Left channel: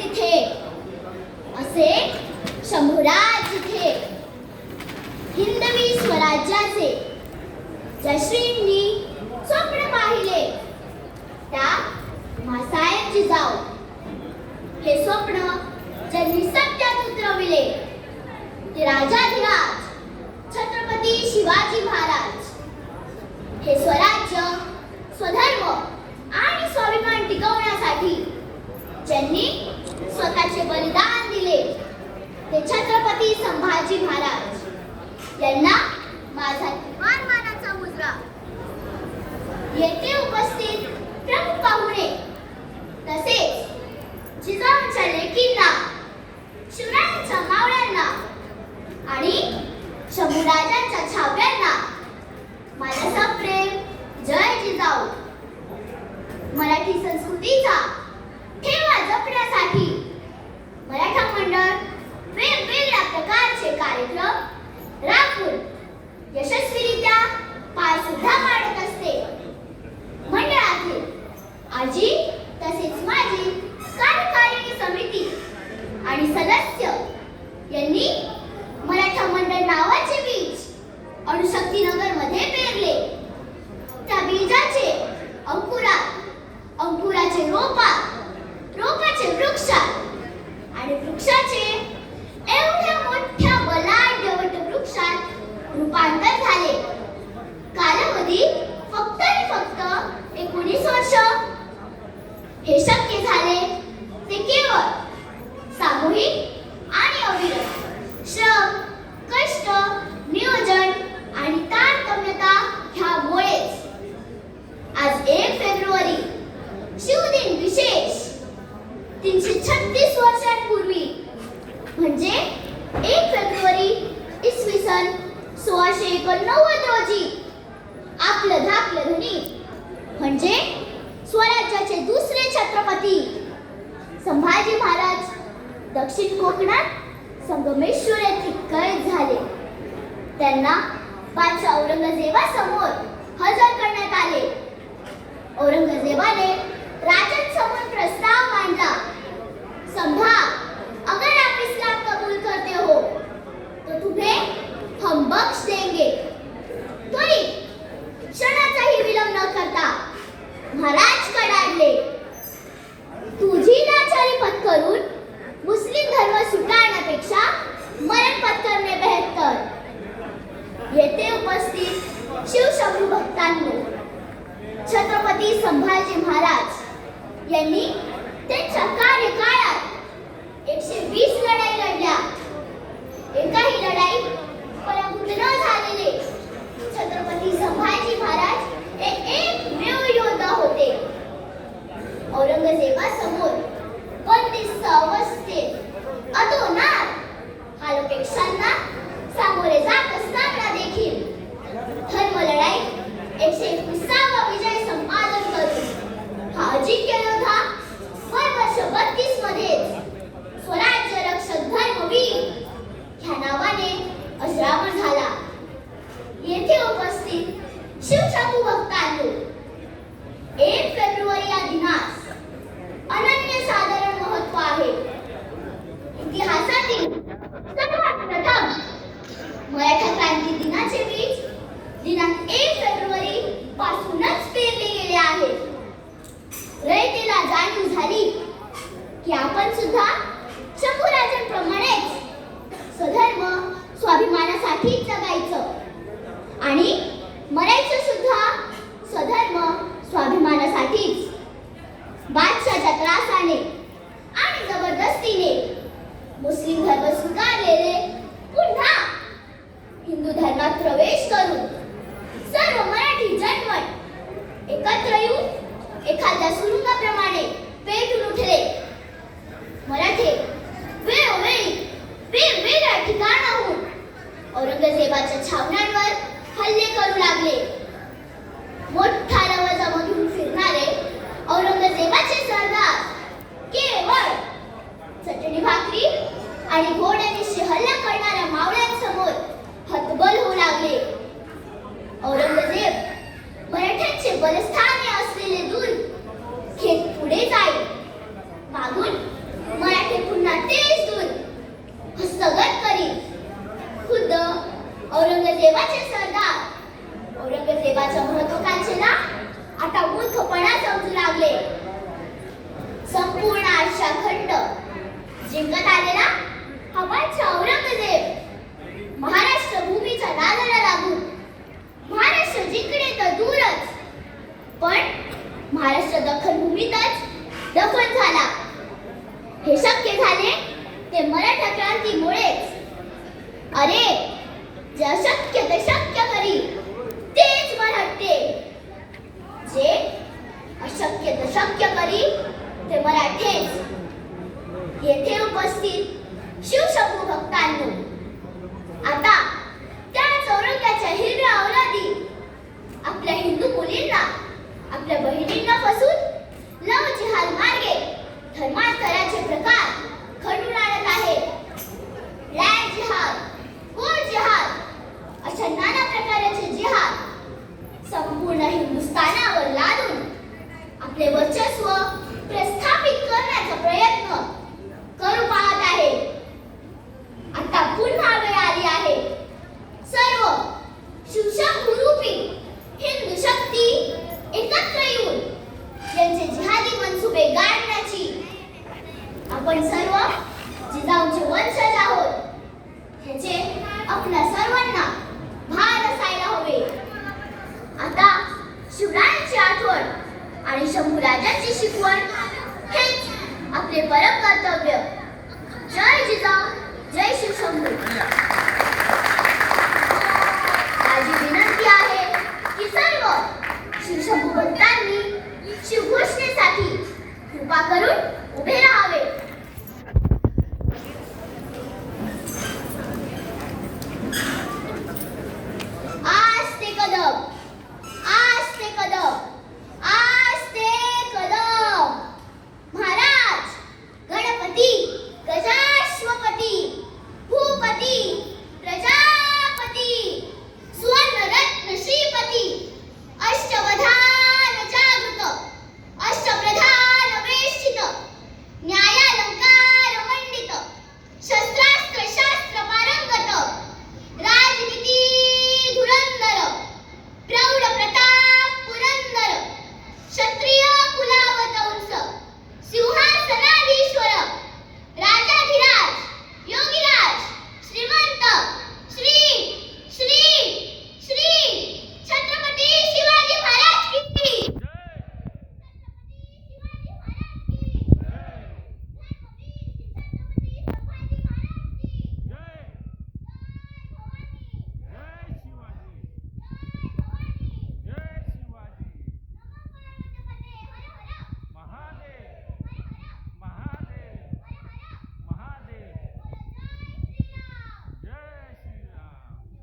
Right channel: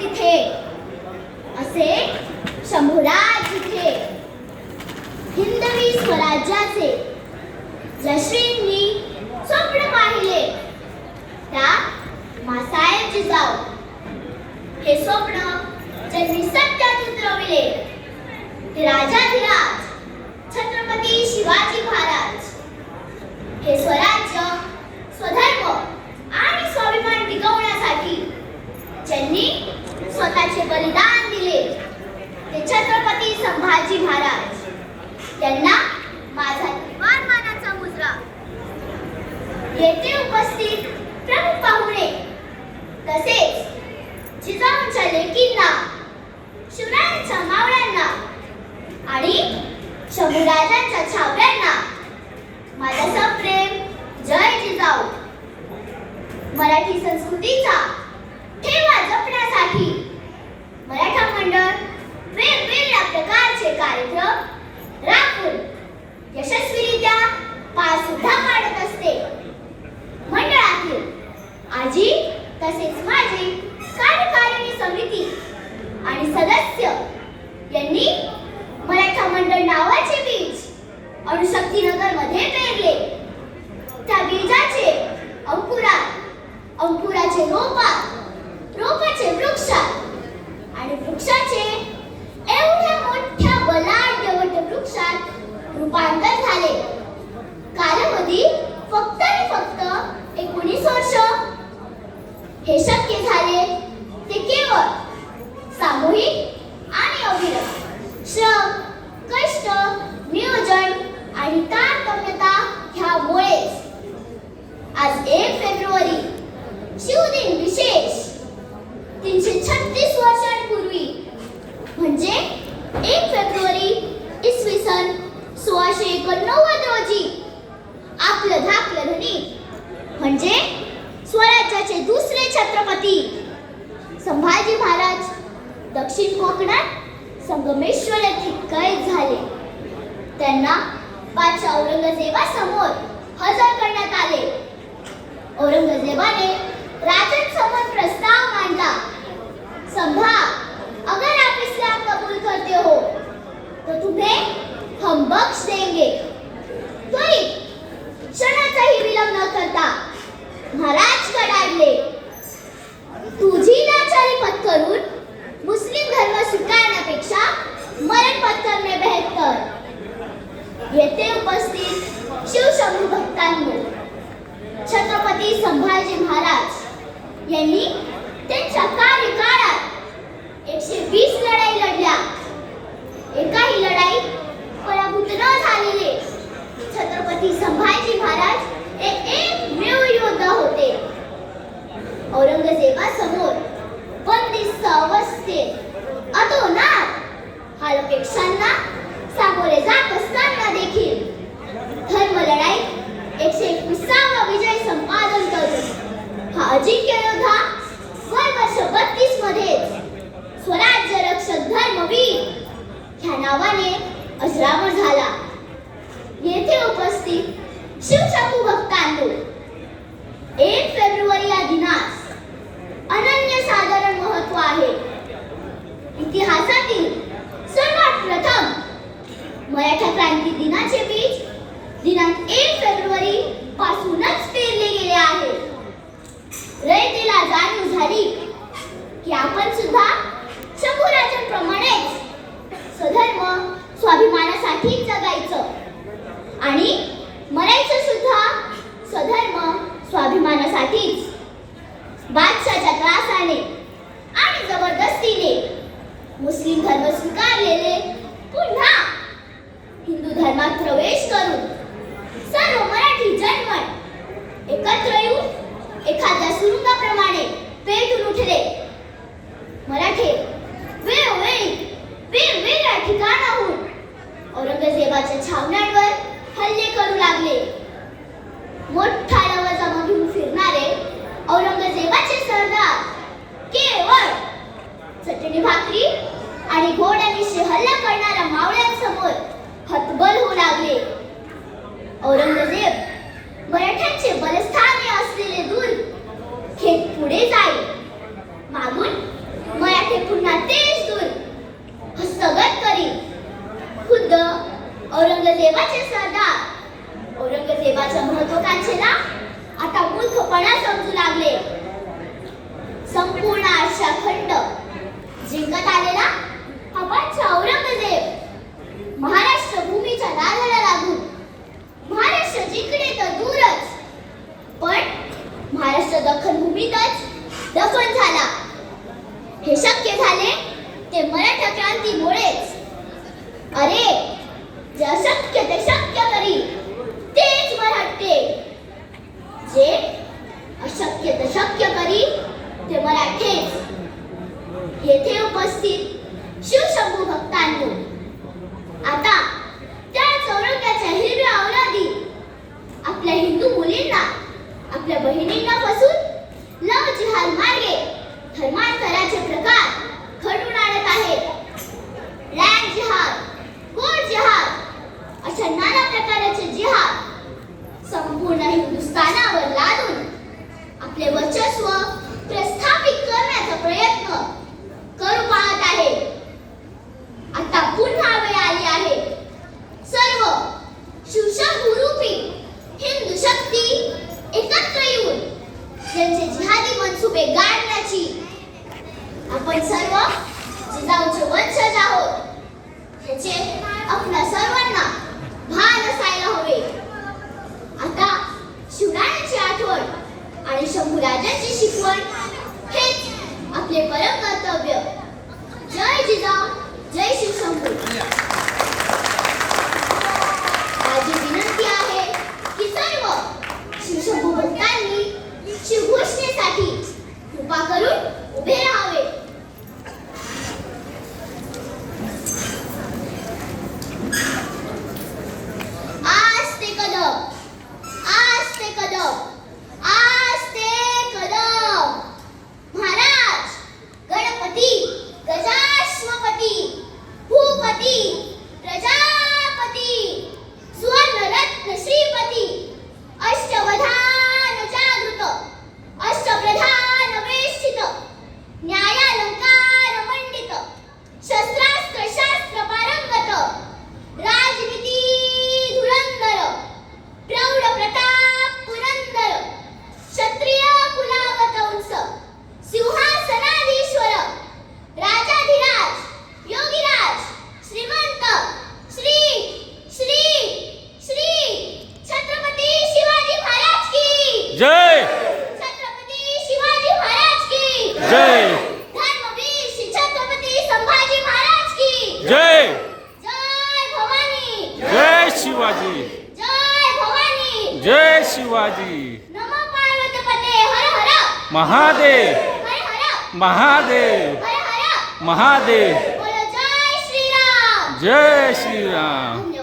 तिथे असे शंभूराज तिथे हिंदवी स्वराज्याचे जश्रींनी स्वप्न पाहिले त्या मासाहेब जिजाऊ हे स्वप्न ज्यांनी सत्यात उतरविले ते राजाधिराज छत्रपती शिवाजी महाराज हे स्वराज्य स्वधर्म आणि स्वाभिमान टिकवण्यासाठी ज्यांनी स्वतःचे बलिदान दिले ते छत्रपती संभाजी महाराज यांना माझा किमान मानाचा मुजरा. येथे उपस्थित प्रमुख पाहुणे तसेच जिजाऊंच्या लेकींना शिवरायांच्या मावळ्यांना आणि शंभूराजांच्या छावण्यांना माझा सप्रेम जय जिजाऊ. मराठी संस्कृतीचा ठेवा जपण्यासाठी मराठा मंडळ वेगवेगळ्या प्रकारचे कार्यक्रम राखून यशस्वीरित्या पार सुद्धा पाडत असते. मंडळातील आजी तसेच माझी कार्यकारिणी समिती आणि सदस्य यांनी मराठा मंडळ नावाचे बीज अणुशक्तीनगर मध्ये पेरले. त्या बीजाचे अंकुराचे रोपाचे वृक्षात आणि वृक्षाचे एवढ्या मोठ्या बलाढ्य वटवृक्षात रूपांतर झाले. कालावधी फक्त 19 वर्ष. हे शक्य झाले ते केवळ सामूहिक आणि अविरत श्रम, कष्ट, नियोजन आणि तारतम्यता ह्यामुळेच. आज 1 फेब्रुवारी शिवदिन विशेष 336 वर्षांपूर्वी म्हणजे 1 फेब्रुवारी इसवी सन 1689 रोजी आपलं धाकलं धनी म्हणजे स्वराज्याचे दुसरे छत्रपती संभाजी महाराज दक्षिण कोकणात संगमेश्वर येथे कैद झाले. त्यांना बादशाह औरंगजेबासमोर हजर करण्यात आले. औरंगजेबाने राजांसमोर प्रस्ताव मांडला. संभा, अगर आप इस्लाम कबूल करते हो तो तुम्हें हम बख्श देंगे. त्वरित क्षणाचाही विलंब न करता महाराज कडाडले. तुझी लाचारी पत्करून मुस्लिम धर्म स्वीकारण्यापेक्षा मरण पत्करणे बेहतर. येथे उपस्थित शिवशंभू भक्तांनो, छत्रपती संभाजी महाराज यांनी त्यांच्या कार्यकाळात 120 लढाई लढल्या. एकाही लढाईत पराभूत न झालेले छत्रपती संभाजी महाराज एकमेव योद्धा होते. औरंगजेबासमोर बंदिस्त अवस्थेत अतोनात हालपेक्षांना सामोरे जात असताना देखील धर्मलढाईत 121वा विजय संपादन करून हा अजिंक्य योद्धा वर्ष 32 मध्येच स्वराज्य रक्षक धर्मवीर ह्या नावाने अजरामर झाला. येथे उपस्थित शिवशंभू भक्तांनो, 1 फेब्रुवारी या दिनास अनन्यसाधारण महत्त्व आहे. इतिहासातील सर्वात प्रथम मराठा क्रांती दिनाचे बीज दिनांक 1 फेब्रुवारी पासूनच पेरले गेले आहे. रयतेला जाणीव झाली की आपण सुद्धा शंभूराजांप्रमाणेच स्वधर्म स्वाभिमानासाठी जगायचं आणि मरायचं सुद्धा स्वधर्म स्वाभिमानासाठीच. बादशाच्या त्रासाने आणि जबरदस्तीने मुस्लिम धर्म स्वीकारलेले पुन्हा हिंदू धर्मात प्रवेश करून सर्व मराठी जनमत एकत्र येऊन एखाद्या सुरुंगाप्रमाणे पेटून उठले. मराठे वेळोवेळी वेगवेगळ्या ठिकाणाहून औरंगजेबाच्या छावण्यांवर हल्ले करू लागले. मोठा लवाजमा घेऊन फिरणारे औरंगजेबाचे सरदार केवळ चटणी भाकरी आणि घोड्यांविषयी हल्ला करणाऱ्या मावळ्यांसमोर हतबल होऊ लागले. औरंगजेब मराठ्यांचे बलस्थानी असलेले दूर घेत पुढे जाईल. मागून जिंकत आलेला हा बादशाह औरंगजेब महाराष्ट्र भूमीच्या नादाला लागून महाराष्ट्र जिंकणे तर दूरच, पण महाराष्ट्र दख्खन भूमीतच दफन झाला. हे शक्य झाले ते मराठा क्रांतीमुळेच. अरे, जे अशक्य ते शक्य करी तेच मराठे, जे अशक्य ते शक्य करी ते मराठेच. येथे उपस्थित शिवशंभू भक्तांनो, आता त्या चौरंग्याच्या हिरव्या औलादी आपल्या हिंदू मुलींना, आपल्या बहिणींना फसून लव जिहाद मार्गे धर्मांतराचे प्रकार घडून आणत आहेत. लँड जिहाद, कोर्ट जिहाद अशा नाना प्रकारचे जिहाद संपूर्ण हिंदुस्थानावर लादून आपले वर्चस्व प्रस्थापित करण्याचा प्रयत्न करू पाहत आहेत. आता पुन्हा वेळ आली आहे सर्व शिवशंभूरूपी हिंदू शक्ती एकत्र येऊन त्यांचे जिहादी मनसुबे गाडण्याची. आपण सर्व जिजाऊंचे वंशज आहोत ह्याचे आपल्या सर्वांना भान असायला हवे. आता शिवरायांची आठवण आणि शंभूराजांची शिकवण हेच आपले परम कर्तव्य. जय जिजाऊ, जय शिवशंभू. माझी विनंती आहे की सर्व शिवशंभू भक्तांनी शिवघोषणेसाठी कृपा करून उभे राहावे. आस्ते कदम, आस्ते कदम, आस्ते कदम. महाराज, गणपती, गजाश्वपती, भूपती, प्रजापती, सुवर्णरत्न श्रीपती, अष्टवधान जागृत, अष्टप्रधान वेष्टित, न्यायालंकार मंडित, शस्त्रास्त्र शास्त्र पारंगत, राजनीती धुरंधर, प्रौढ प्रताप पुरंदर, क्षत्रिय कुलावतंस, सिंहासनाधीश्वर, राजाधिराज, योगीराज, श्रीमंत, श्री श्री श्री छत्रपती शिवाजी महाराज की जय. छत्रपती शिवाजी महाराज की जय. धर्मवीर श्री छत्रपती संभाजी महाराज की जय. जय भवानी, जय शिवाजी. जय भवानी, जय शिवाजी. नमो पार्वतीपते हर हर महादेव, हर हर महादेव, हर हर. महादेव. बोलो जय श्रीराम. जय श्रीराम.